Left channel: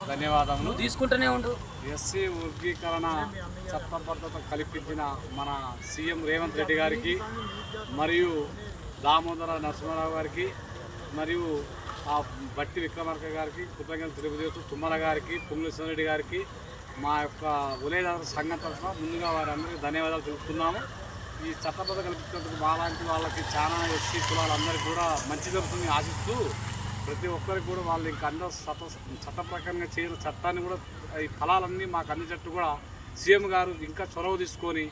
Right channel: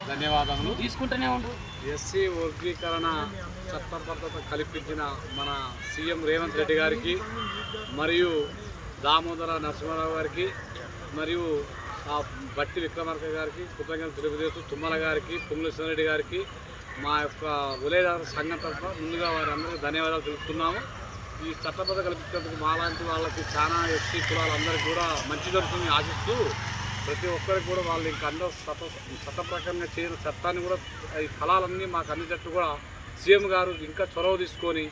ధన్యవాదములు. తీసుకుంటూనే ఉండు. ఎస్సీ వర్గీకరణ చట్టబద్ధత కల్పించిన మన సీఎం రేవంత్ రెడ్డి గారికి మరియు దామోదర నరసింహారావు గారికి మరియు ఆ బట్టి విక్రమార్క గారికి కృతజ్ఞతలు తెలియజేస్తూ తుమ్మల గారికి పొంగులేశ్వర రెడ్డి గారికి మా యొక్క ఉలేదారు సంఘం తరఫున ముందుగా వారందరికీ ధన్యవాదాలు తెలుపుతున్నాము. ఈ చట్టబద్ధ కల్పించేందుకు మాలాంటి వాళ్ళకి చాలా ఎస్సీ కులాలందరికీ కూడా మంచి జరుగుతుందని ఆశిస్తూ ప్రతి ఒక్కరికి కూడా వాళ్ళు ఇంకా అందరూ చట్ట చట్ట ప్రకారంగా చట్టాన్ని కూడా ఈ ఫలాలన్నీ మాకు అందించట్టు కూడా సీఎం గారు ఇంకా చొరవ తీసుకొని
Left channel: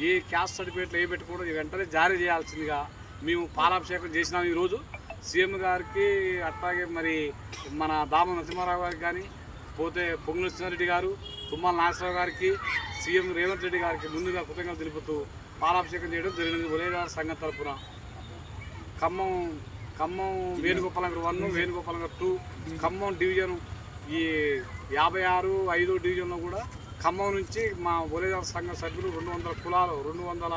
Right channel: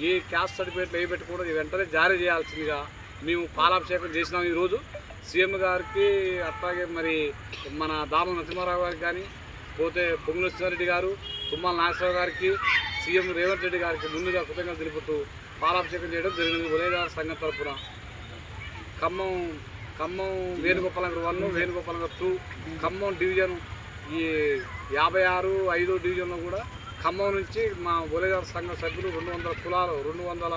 ఏ క్యాస్ట్ సర్టిఫికేట్లు ఏ పెట్టి వెంటనే జారీ చేయాల్సిందిగా మేము పాలాభిషేకం చేసినాం ఈరోజు. సీఎం గారికి అట్లాగే మరి మన దామ నరసింహారావు గారికి కానీ పోతే పొంగుల రెడ్డి గారు తుమ్మల నాగేశ్వరరావు గారికి సీఎం రేవంత్ రెడ్డి గారికి ముందుగా కృతజ్ఞతలు తెలుపుతూ పాలాభిషేకం చేయడం జరిగింది. ఉదయదార సంఘం తరఫున Khammam Khammam Venugopalnagar one Venugopalnagar two Khammam division ఈ యాభై ఆరు ఐదో డివిజన్లో కూడా ఖమ్మం నుంచి మా బొలేదార సంఘ సభ్యులు రెండు వందల కులాలు రెండు వందల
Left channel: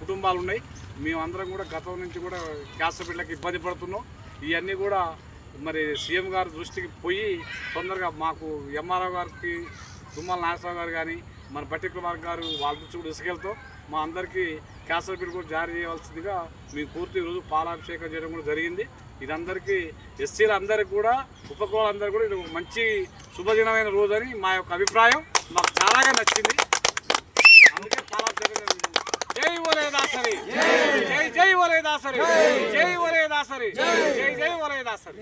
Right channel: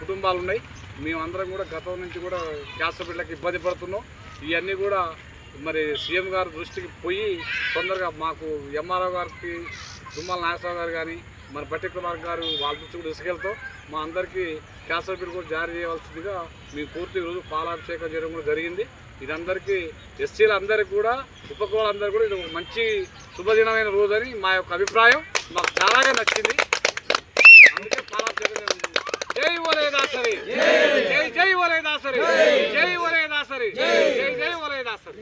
కుటుంబాలు ఉన్నాయి. మేమందరం కూడా గతం నుంచి కూడా క్యాస్ట్ బిడ్డలకు ఇబ్బంది పడుతున్నాం. ఇవన్నీ కూడా మరి సీఎం గారి దృష్టికి పోయి తొందరగా మాకు ఎంఆర్ఓ గారికి తుమ్మల నాగేశ్వరరావు గారు కానీ మన బట్టి కుమార్ గారు వాళ్ళ నుంచి కూడా ఇసుకెళ్తూ మా అందరికీ క్యాన్సర్ బిల్ కూడా జారీ చేయవలసిందిగా మేము పూర్తి ఈరోజు పాలాభిషేకం చేయడం కూడా జరిగింది. ఇదందరికీ ఎస్సీలందరికీ కూడా ఉపకులాలందరికీ కూడా ఇది ఒక మంచి శుభదినమైన రోజు అని మా యొక్క అభిప్రాయం. మాకు చాలాగా నచ్చింది. అందుకే పాలాభిషేకం జై ఒలే దాసరి. జై జై ఒలే దాసరి. జై ఓలే జై జై ఒలే దాసరి